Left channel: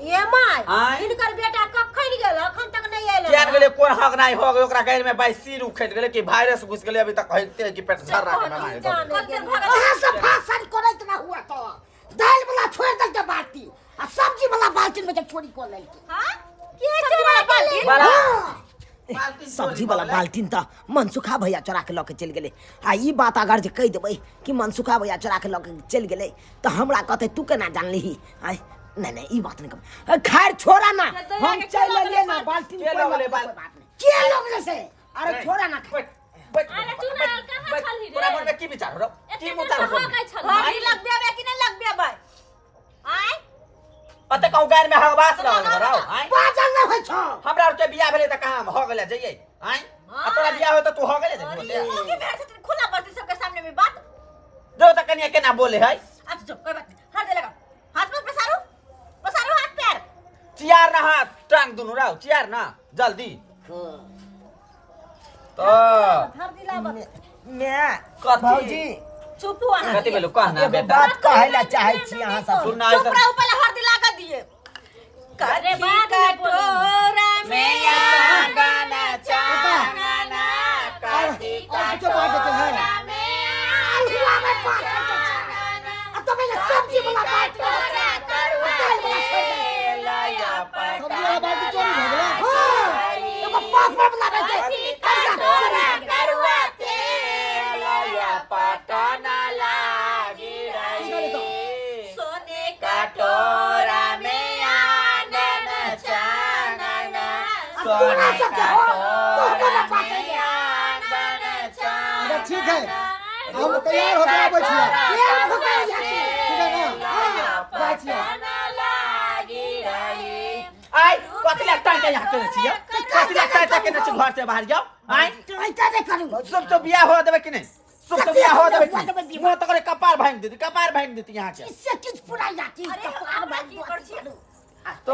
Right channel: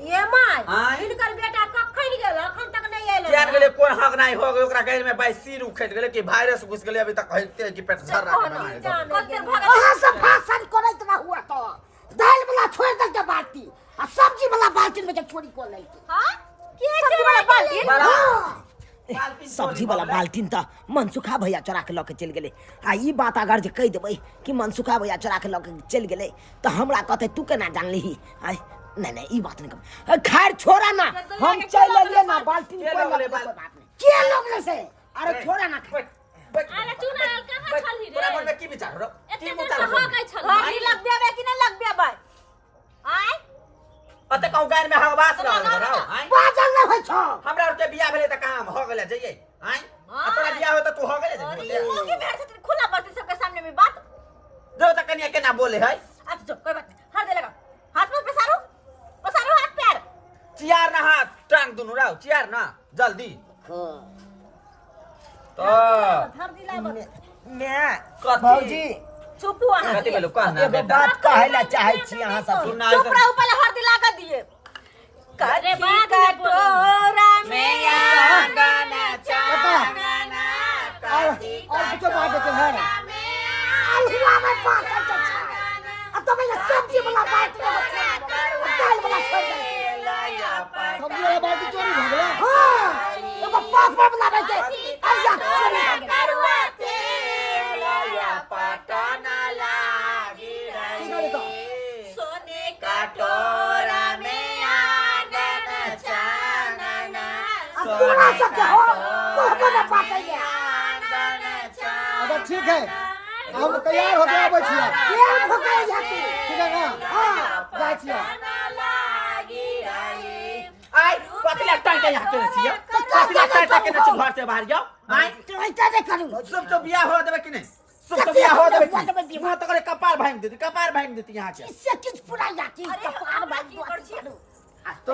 ये माय इनकर बेटा कखन गेल अखन तक नहीं आइल जान गेले कोन हक नहीं हो ओकरा गैर में 22 सिर उखड़ गेले कि वायरस घुस गेले अभी तक कहते कि पेट झर रहा है वहां से फासन करत ना हुआ तो दाल वाला छोड़ दे के बाल्टी आ सब्जी वाला बाल्टी में जब छोड़ी को ले हां के सब्जी वाला बाल्टी सब्जी वाला बाल्टीन त मनसुखा भैया चोरा के लके चल गेले आ ई बात अगर जे कह देबै कि मनसुखा भैया चोरा के लके चल गेले त हमरा कहते तू केना जानलीही आई नहीं ई बात नहीं कर खैर छोड़ा ना हम चल ले ना बाल्टीन कोई बात नहीं के लोग ने से अरे छोड़ा ना अरे तू ना कहां छलही रे तोरा मन में की विचार हो की विचार हो गई छल हरी लग देबे कि नहीं लग देबे आय अते कहू गार में हवास रहल रहो आय बाजल न होय छ हमरा के बियाह भेले त कहां हो गेले जइए आय तोरा बियाह हो त तू हो गेले ओ की भेड़ से खुला बात सबके सामने में बात जो त कनिया केना बोले है अच्छा चुप कोई बात नहीं हाथ दे लगा हाथ में पसारो हाथ पैर चियार ना हाथ टांग दुनु रहो चियार ना जल्दी तो धर दिला मैं भौजी चुप हुआ है कथि भेलो कहना एगो बात कहैला चाहै छी अहाँ सब सुनना चुप रहो पहले हर दिला का दिए करे बात कटोरा में आंगना चांगना कथि कटोरा में अलहुआ में बात है तो मैं सब्जी वाला बात दाल वाला छोड़ दे लाया सब्जी वाला बात चोरी भ गेलै हां एगो पापड़ वाला बात आजा करुआ ते लाया पटना लागी रही सोने कटोरा में आंगना चांगना पूरा सब हो को ना बात है अच्छा ठीक है हम तैयार हो गए बचिया ये हो गए जाती ठीक है ना हां बचिया आई कथि लगता है यहाँ के नचिया कथि लगता है के नच घर से बाहर जाओ आई ऐसा नहीं करूं सब तो बियाह हो देबे कि नहीं सब तो बियाह हो देबे मुंह तो करे कपार भांग देती यहाँ के इससे किस पूरा जाती कपार बात कर छी तो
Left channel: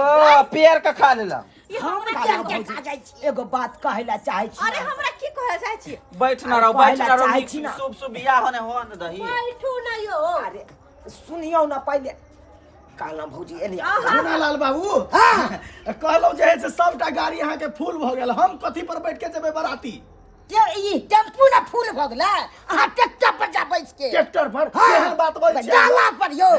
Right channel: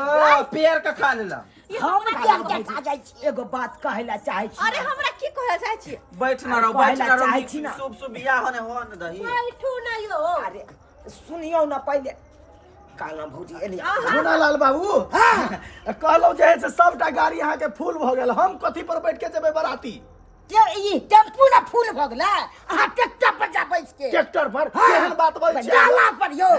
पेड़ का खा लेला हम क्या खा जाई छी एगो बात कहैला चाहै छी अरे हमरा की कहै चाहै छी बैठ ना रहो शुभ शुभ बियाह होने हो न दही बैठू ना यो अरे सुनियो ना पहले काला भौजी एलिया मुन्ना लाल बाबू कहलो जे से सबटा गाड़ी यहाँ के फूल भ गेल हम कथि पर बैठ के जेबे बराती ई टेम्पू ना फूल भ गेलै अहाँ ट्रैक्टर पर जा बैठ के ट्रैक्टर पर केहन बात बोल छी डाला पर यो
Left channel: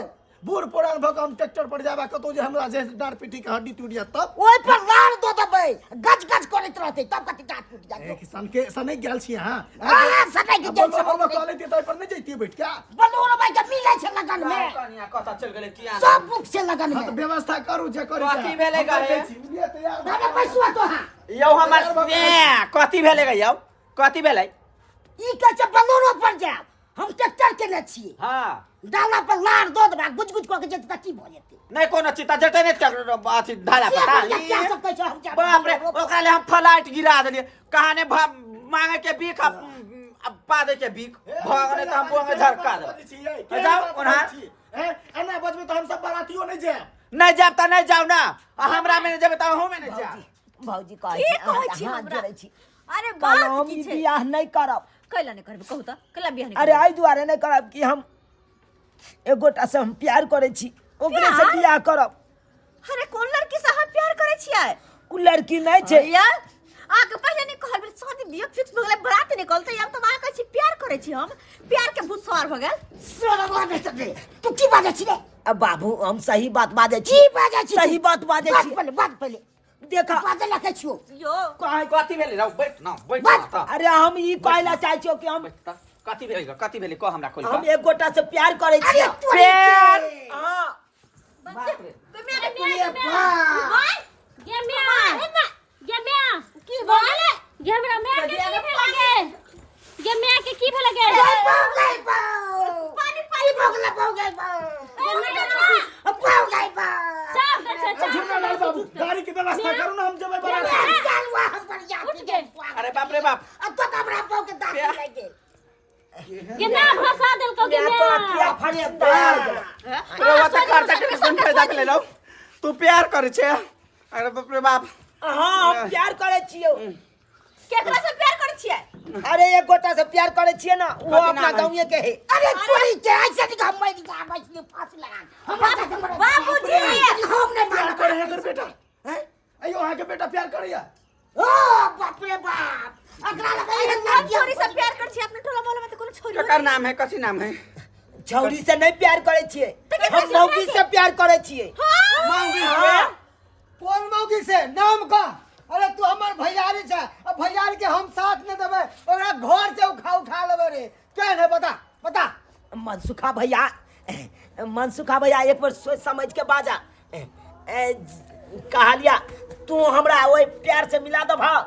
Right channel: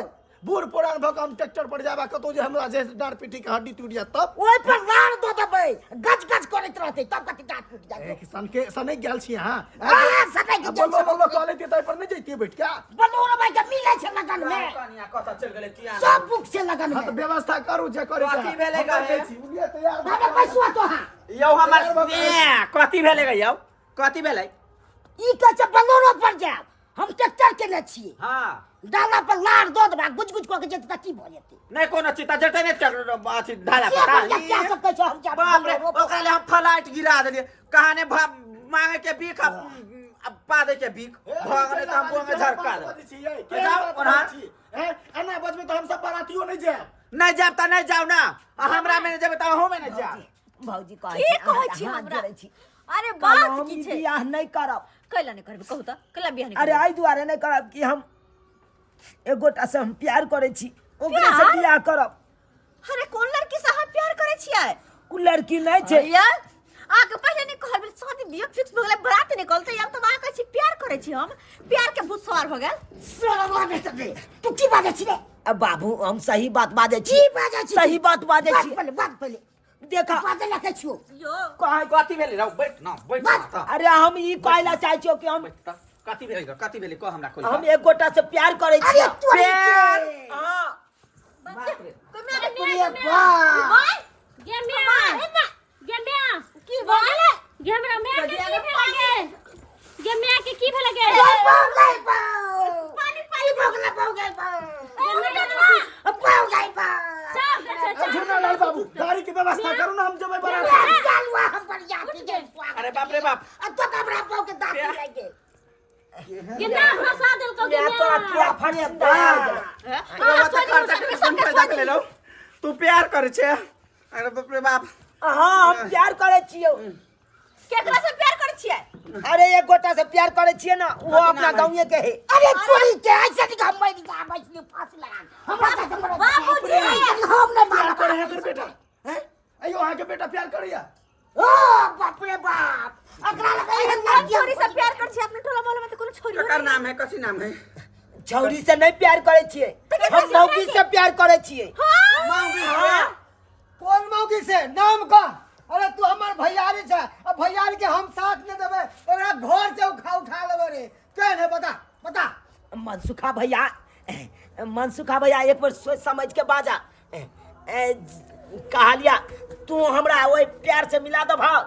बूढ़ पुरान भक हम ट्रैक्टर पर जाबा कतो जे हमरा जे डार पीठी के हड्डी टूट जात तब ओइ पर लार दो देबै गज गज करैत रहतै तब कति डाट टूट जाए किसान के सने गेल छी हां हां सने के बोलो बोलो कहले ते तै पर नहीं जइती बैठ के बोलो भाई के मिलै छै लगन में कनिया कथा चल गेले किया सब बुक से लगन हां में तो व्यवस्था करू जे करे कथि भेले गा हे बुझिए तैयार दादा पैसा तो हां यौ हमर कथि भेले गा यौ कथि भेले ई के छ बलोरो पर जाब हम ट्रैक्टर के ले छी हां डाला पर लार दो देबा गुज गुज क के जेत की भ जेतै नहीं कोनो चिता जते नहीं अथी ढाला पता क्या सब कह हम जा बाप रे ओकरा ले हम फ्लाइट गिरा देलिए कहाने मांगे के बीख पा दे के बीख भगने त हम बुंगे झरका दे के जाओ हैं एना बजबे तो हम सब बरातियो नहीं जाब नहीं जाब त नहीं जाओ ना हमरा में जेबे त हम में नहीं जाब भौजी की कहै छी हमरा अरे बात की छै बियाह नहीं करब कैला नहीं करबे कहू त कैला बियाह नहीं अरे आई दुआरे नहीं करब कि हम एक गोटा से हम प्यार करे छी ओकरे से बियाह करब अरे कोन लड़की से हम प्यार करे छियै उ लड़की नहीं छै यार आके पहले नहीं कहल शादी बियाह फिक्स भ गेलै बरात निकलतै हम त वहां कहै छी प्यार करे छी हम प्यार के भूत सवार भ गेल तू की बाजै छी रे अब बाबू हम सही बात बाजै छी की बाजै छी सही बात बाजै छी पहले देखा बाजै लखे छियो यो कथि भेले रौ बैठ ना त अरे हम ई कहला चाहै छियो कि हम कथि भेले कह हमरा खोल हम एक गोटा से प्यार करे छी प्यार हां कोई मेरे भाई गे म्या की बोले गे मेरा म्या के की भेल गे म्या के की भेल गे पानी पानी भोगला गे झुना लाल बाबू गाड़ी की व्यवस्था करू ना हम जेबे बराती चलवा हम पर जाती के अरे बाप रे बाप अब तो हमरा पाव के दांत लगे ये ना फंसा देल को गे तो क्या फड़े देख ले लो तू प्यार करे छे अरे बाप रे बाप हां हम प्यार करे छियो केकरा से प्यार करे छियै अरे एक गोटा से प्यार करे छिए ना वो अपना गांव के है अरे तोरी के ऐसे नहीं हम मैं नहीं फांसी लगा हमरा बाबू जी प्यार करे बेटा प्यार करिया ओ बाप रे बाप अकरा कौन छोरी से प्यार कर छी अपने टोला मोहल्ला में तो कोनो छोरी ककर नाम है कथी नाम है छौरी से नहीं प्यार करे छिए हम मौगी से प्यार करे छिए मौगी से कौन मौगी से नाम का अरे तू हमार भैयारी छे अब भैयारी के हम साथ नहीं देबे ओकरा घर से उठा लेबे रे केन है बता मनसुखा भैया एक बार सोच समझ के बाजा कहलिया तू हमरा ओए प्यार से मिला दो भाव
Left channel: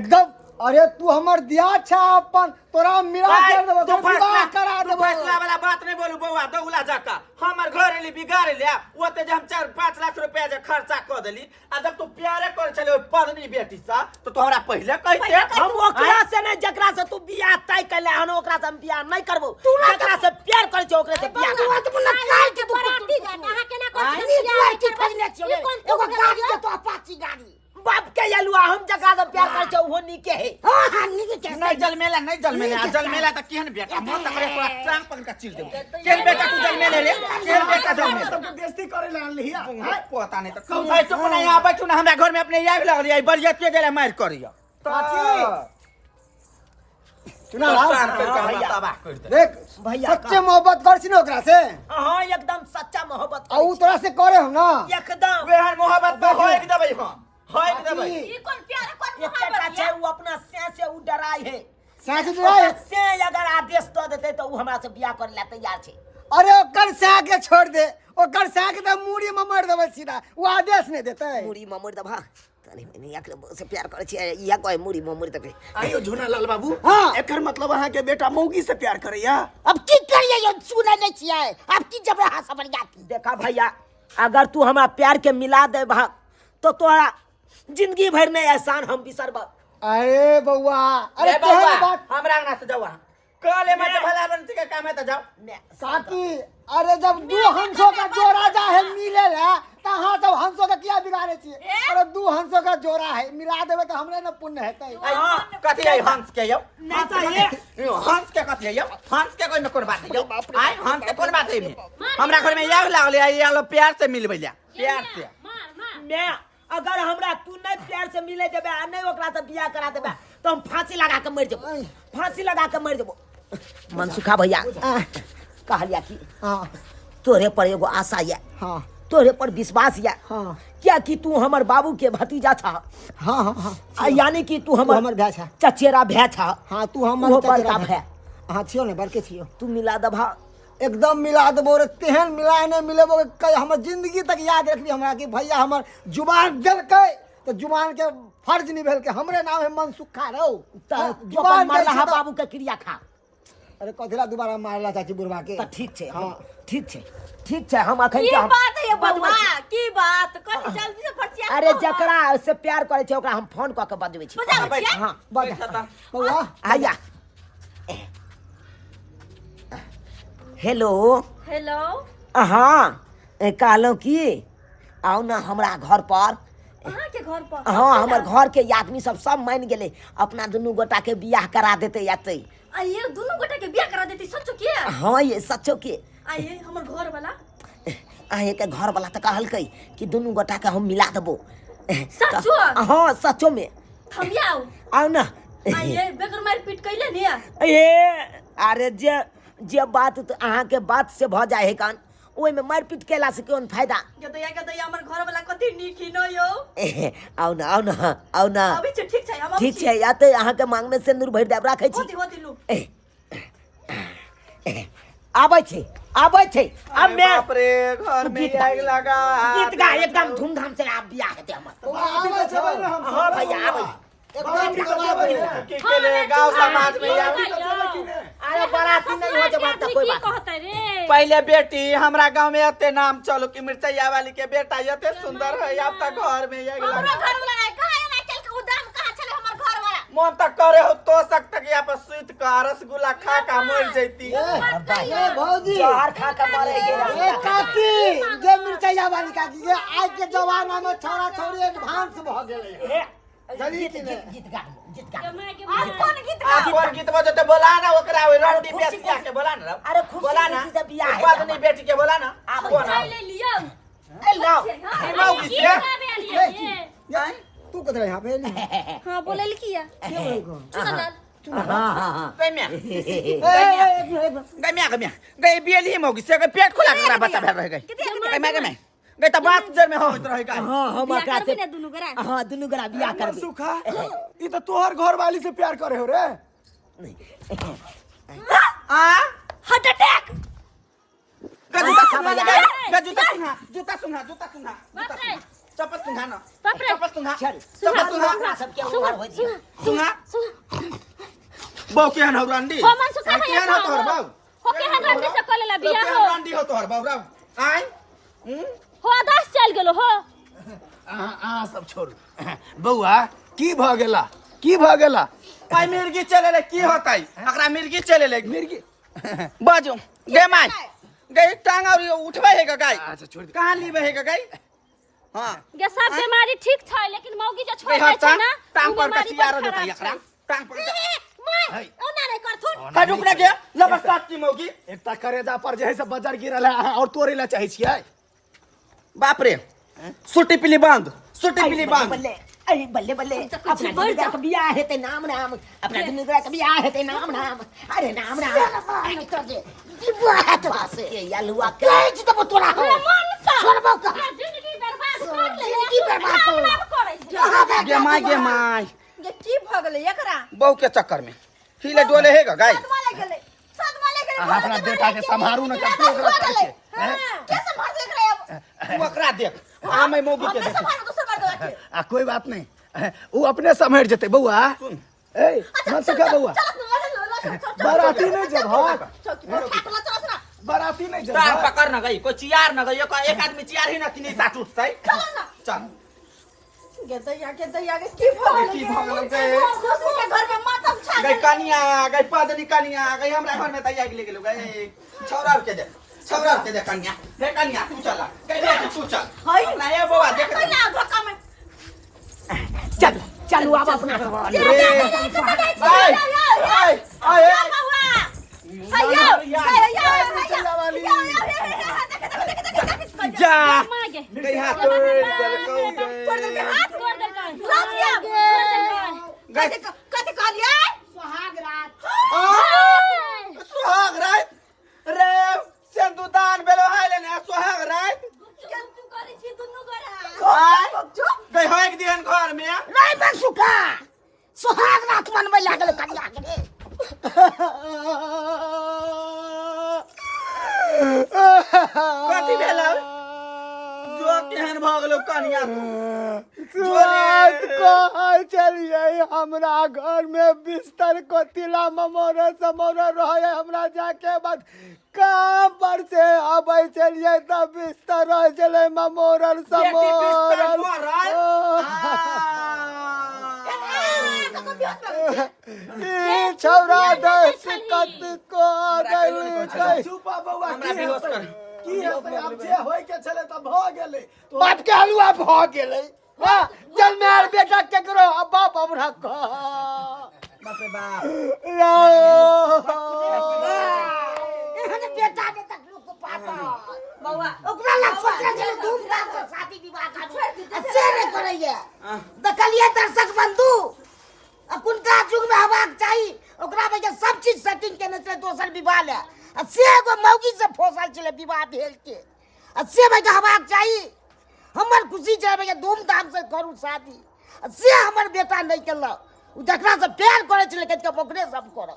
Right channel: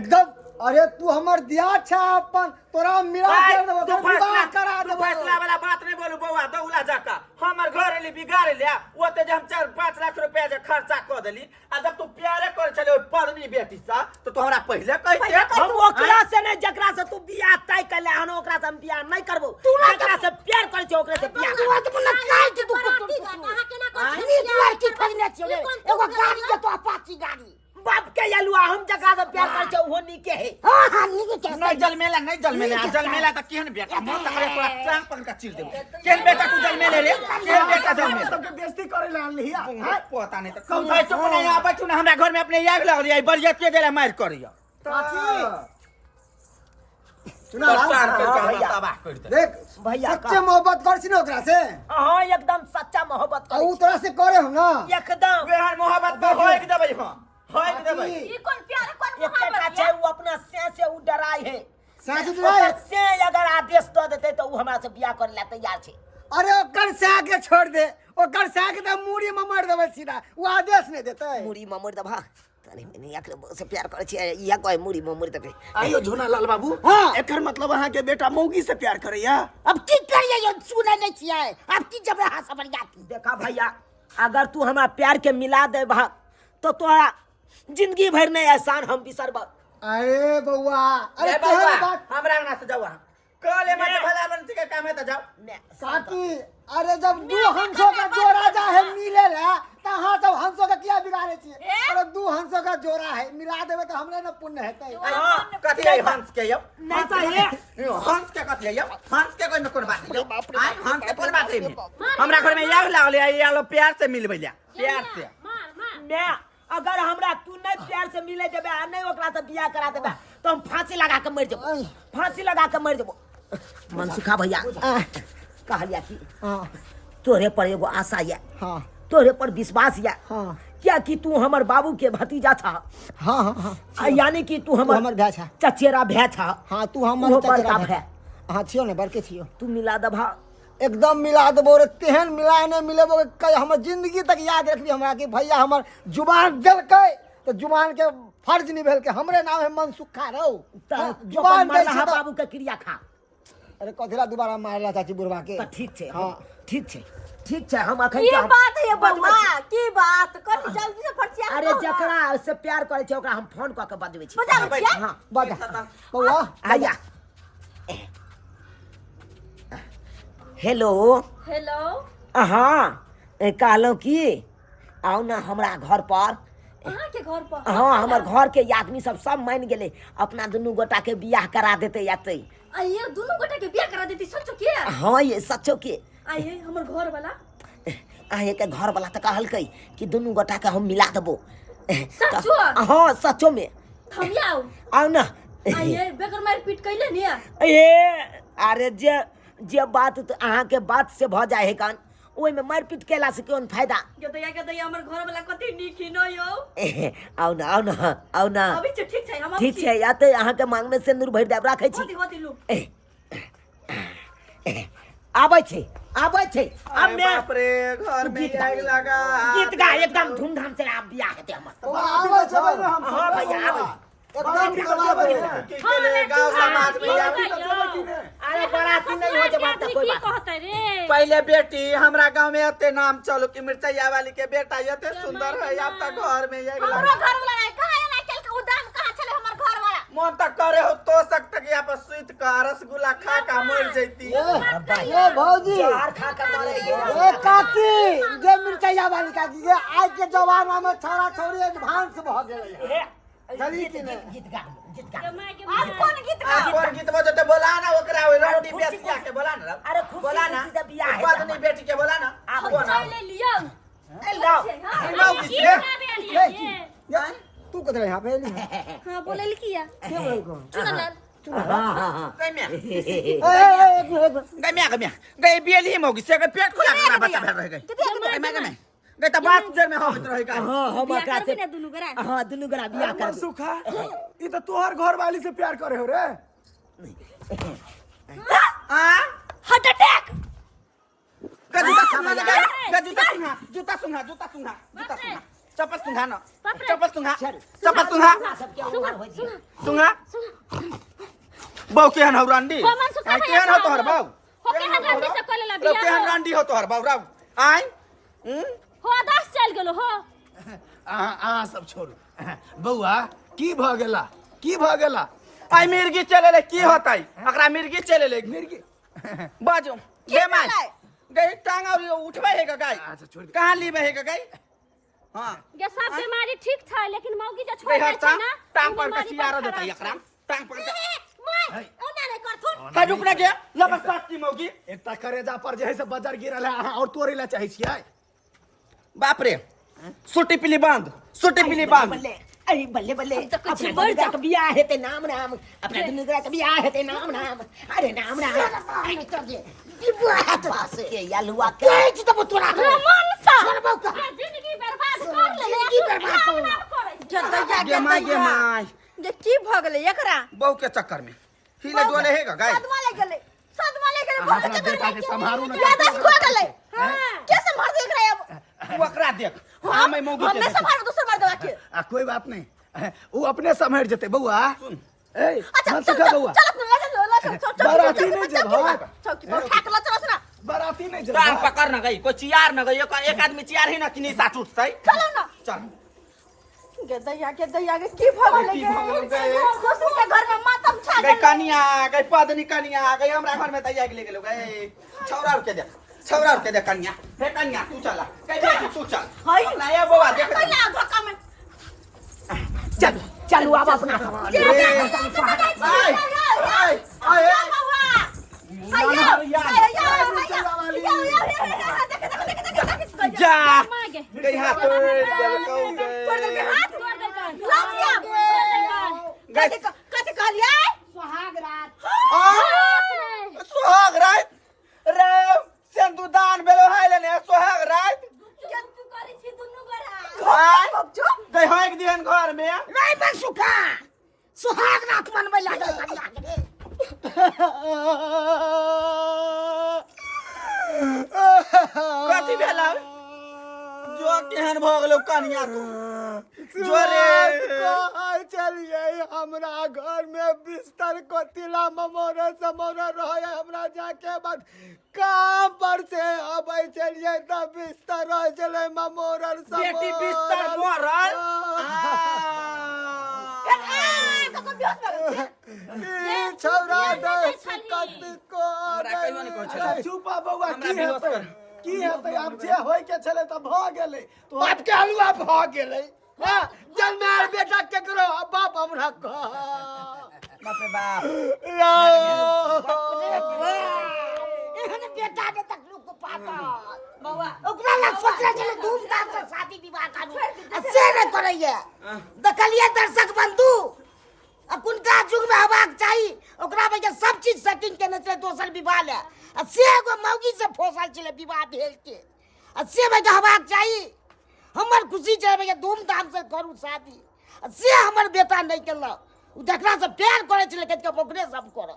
एकदम अरे तू हमर दिया छा अपन तोरा मिला कर देबो तू विवाह करा तू देबो फैसला वाला बात नहीं बोलू बउआ दौला जाका हमर घर एली बिगाड़ लिया ओते जे हम 4-5 लाख रुपया जे खर्चा क देली आ जब तू प्यारे कर छले ओइ पत्नी बेटी सा तो तू हमरा पहले कहते हम ओकरा से नहीं जकरा से तू बियाह तय कैले हन ओकरा से हम बियाह नहीं करबो जकरा से प्यार करे छ ओकरा से बियाह करबो तू बोला काल के तू कहां केना कर छी नीच लड़की खोजने छिए एगो गाड़ी के तो अपाची गाड़ी बाप के यलुआ हम जकरा से प्यार करे छ ओहो नीके है हां नीके के नहीं जलमेला त केहन बेटा मन त करे पूरा टांग पकड़ के चीर देबो केहन बेटा तू जलमेले रे केहन बेटा जलमेले सबके बेइज्जती करे ला लिया पता नहीं तो भाई चुप नहीं यहाँ बैठू ना हमरा घर में अपने याद लग रही है बरियत के देला मार करियो परेशान करके हमरा तबाह कर दे देख भैया सच्चे मोहब्बत कर छी ना ओकरा से हां एकदम सच्चा मोहब्बत आ उ तोरा से करे हम ना एकदम वेहन मोहब्बत में होए के देबै हम होए के देबै ई कौन प्यार कौन एकटा छै उ अपना से उ डराई है साथ डराई से अगर आदेश द देते तो उ हमरा से बियाह करे ला तैयार छै अरे ओकर साग के छोड़ दे ओकर साग के मूड़ी में मार देबै सीधा उ आदेश नहीं देतै मुड़ी ममड़ दबा तनी मैंने एकरे से प्यार करे छै या कोई मुड़ी ममड़ देबे आइयो झोना लाल बाबू हां एकर मतलब अहाँ के बेटा मौगी से प्यार करैया अब की करिए ये सुनै नहीं छियै अब की जब हां समझ जाती देखा भैया अगर तू हमरा प्यार के मिला दे भा तो तोरा जिंदगी भर में एहसान हम बिसरब अरे बउआ अरे ए केहन बउआ बात हमरा अंगना से जाओ कल मत भला बनती के काम है तो जाओ काकी अरे जब दू हंसों का जोड़ा जा है मिले ला त हां सब हंसों का किया बिगाड़े छिए अरे दू हंसों का जोड़ा है मिला देबे तो हमरे न पुण्य हेतै हां कथी है हंस के यो नहीं तो ये हंस के कथी है यो हंस के कोई में कोन बात है आय हंस के कोन बात है हमरा घर में याग लागले ये लो प्यार से मिलबै ला प्यार से मार मैं अगर हमरा तू नहीं प्यार से मिले देबे आ नहीं ओकरा से बियाह करा देबे तो हम फांसी लगा के मर जबो फांसी लगा के मर जबो मनसुखा भैया कहलिया कि हां तोरे पर एगो आशा है हां तोरे पर विश्वास है हां क्या कि तू हमर बाबू के भतीजा था हां हां यानी कि तू हमर भाई छा चचेरा भाई था हां तू हमर बड़का भाई हां छियो ने बड़के छियो तू मिला दबा एकदम मिला देबो रे तेहन मिला ने मिलेबो कई हमर जिंदगी तक याद रखबी हमरा कि भैया हमर जुबान देलकै तो जुबान के फर्ज निभल के हमरे नाम है मनसुखा रहो जुबान मारला बाबू के क्रिया खा अरे कथला दोबारा मारला चाची बुढ़वा के तो ठीक छे हां ठीक छे हम अखन ये बात है बउआ की बात कनी जल्दी से फटिया अरे जकरा से प्यार करे छे ओकरा हम फोन क के बजबै छी बजाबै छियै? हां बजा बउआ आया हेलो हाँ कहलौं कि आओ ना हमरा घर पर कहां के घर पर हाँ हमर घर के आदमी सब मान गेले अपना दुनू गोटा के बियाह करा देते आते आ ये दोनों गोटा के बियाह करा देती सच्चो के हाँ ये सच्चो के आ ये हमर घर वाला अहे के घर वाला तो कहलकै कि दुनू गोटा के हम मिला देबो सच्चो? हाँ सच्चो में थमियाओ आओ ना आ ये बेगर मार पीट कैले ने ए अरे जे बात तो अहाँ के बात से भ जाए है कान ओइ में मारपीट केला से कोन फायदा गदया हमर घर वाला कथि नीकी न यो आओ ना अभी से ठीक छै हम ठीक छै या तो अहाँ के मांग में सिंदूर भर देब राखै छी होती लू आबै छै अब मैं बाप रे घर में आग लगा गीत गा एकदम धूमधाम से आप बियाह हेतै हमर आबै छबै ने हम हां भैया आबै गाँव समाज में अरे बराती नहीं हो जब तक कोई बात कहते रे पहले बेटी हमरा गांव में एते नाम चलो कि मिर्चैया वाली के बेटा एते सुंदर है अब तक घर में आग हमरा लगा घर वाला नहीं कहां ना चल के उदाम कहां चले हमर घर वाला मन तक करे हो तो सकता कि यहाँ पर स्वीट का रसगुल्ला खा का मर जैती ए भौजी जहर खा के मरे ए काकी जे मिर्चैया वाली काकी के आज के जमाना में छोरा छोरी एडवांस भ गेलै गीत गा आज कौन गीत गा कौन गीत बजते बोला ना ओकरा रोटी बेसिया के बोला ना अरे खुशी बोला ना खुशी से बियाह है पत्नी बेटी के बोला ना आबै कौन ले लियो ए लाओ लाओ किसके तू कू कतरा यहाँ पे हां बोले किया क्या बोल को चुना ना हाँ हाँ हाँ गैम्या एक गैम्या गैम्या गै बेली मौगी से पेट खुला कर बच्चा भेल रह गई गैम्या गैम्या गै त बात जर में होत रह गई हाँ हम बिया एकरा करबे से ना दुनु करा हाँ दुनू गरा बियाह कर दे सुखा ई तो तोहर घर वाली से प्यार करे हो रे आ हार्ट अटैक गजूता सुंघा गजूता सुंघा जूता सुंघा जूता सुंघा जूता बाप रे। सुंघा चप्पल सुंघा ना बाप रे। चप्पल सुंघा चल। चप्पल सुंघा सबके उमर हो जी सुंघा बहु केहन हो रंडी हो मन सुखा भैया केहन हो तोहर बाऊ हो के हदन से कोले ला बिया केहन हो रंडी हो तोहर बाऊ राव आय हो 10 चल गेलो हो आ सब छोड़ बउआ की भ गेला की भ गेला आय मिर्गी चले ले की होतै एकरा मिर्गी चले ले मिर्गी बाजू गे माय गई टांग और उठबे है गाय अच्छा छोड़ दे कहां लीबे है गाय हां ये सब बीमारी ठीक था लेकिन मौगी जो छोड़ गई दे हता छै ना टांग पर के सियारा देता एकरा टांग पर मैं ओना रे कर थुन का रुक ना गे लबस्ताती मौगी एकटा करेजा पर जे है से बाजार गिरल है और तोरे ला चाहे छियै बाप रे सुटी पिली बंद सुटी पिली बंद बल्ले अरे बल्ले बल्ले अपना दुनू गरा के बियाह हेते नाम नाम अपना दुनू गरा के बियाह हेते नाम नाम अरे नाम नाम अरे तो जे बुआ तो से ये यलुआ के तो तोरा मन सा छोड़बो का जिंदगी बर्बाद कर ले जिंदगी बर्बाद कर गे माय जे की भ गेलै एकरा बहु के चक्कर में हिले डोले है गाय सदमा ले गेलै बहुत अपना बेटा के संभारू न ज्यादा खो गेलै हां कैसे मार दे एकरा अब तू एकरा देख आ मैं मौगी के हमने देख संभाल दूसरा मार दे के कोई बात नहीं वो अपने समेट जेते बउआ ए मन सुखा बउआ बाराती नहीं जब हाँ बाराती नहीं जब टांग हाँ। पकड़ न गई कोई चियार न गई एक आदमी चियार ही न कि निशा टूटतै चल के दैया के की भ गेलै की भ गेलै गए दोसर के घर में मातम छा गई कनिया गई पदनी कनिया गई हमरा घर में तैयार ले गेलो गई छौरा के दे कनिया हे कनिया तू चला गई बेटी तू चल हई। अपना ये बाबा देख पहिला धक्का में चल चलू अब अपना जा मागे गई हाथ तोड़ दे कौ दे हाथ तोड़ दे कर लाजिया गई कते कहलियै सुहाग रात रे सिंदूरदान बेलो हाय लेने सुहाग रात जंतु करै छी दुनु गोरा आय गई होय के दिहन घर में नहीं मन सुखा सुहाग रात मन में लागल कन्या के कथी भेलौ जो केहन भ गेलौ कनिया तू जोरे कहाँ चलिए हमरा घर में बिस्तर को तिला ममोरा समोरा रहे हमरा जाके बाद काम पर से अबै चलिए त बिस्तर रह चले ममोरा बेटी बिस्तर समोरा मोरल छौरा दस कत को हमरा कहियो नहि कहै छलै। चुपा बउआ हमरा की बेहोश हेतै कर। की हेतै अब जे होय के छले त भ गेलै तो बात के हलुआ भ गेलै हां जन्मार बेटा केकरो बाप हमरा कह बाप रे बाप एहन बेटा के तक लोग को पाता बौआ ओकरा ला सोचले चलो धूमधाम से शादी विवाह करू से नहीं करैया देखलिए दर्शक बंधु अखुनका युग में हवाक चाहिए ओकरा में के सब चीज सेटिंग केने छले दोसर विवाह ले से एगो मौगी से फोसल छले विवाह भेल के से में के हवाक चाहिए हमर खुशी छै में धूमधाम से करू शादी से हमर बेटा नहीं केलक उ देखला से प्यार करे छले के ओकरे सब कर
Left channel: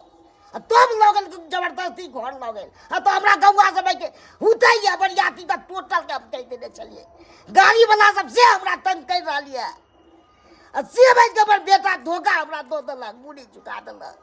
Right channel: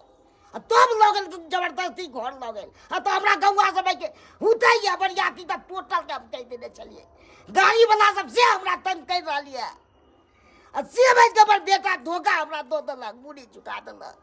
तब लगल जबरदस्ती घर लगल तो हमरा गौवा सब के हुतै या बरियाती त टोटल के हम कह देने चलिए गाड़ी वाला सब से हमरा तंग कर रहलिए से भाई के हमर बेटा धोखा हमरा दो देलक मुड़ी चुका देलक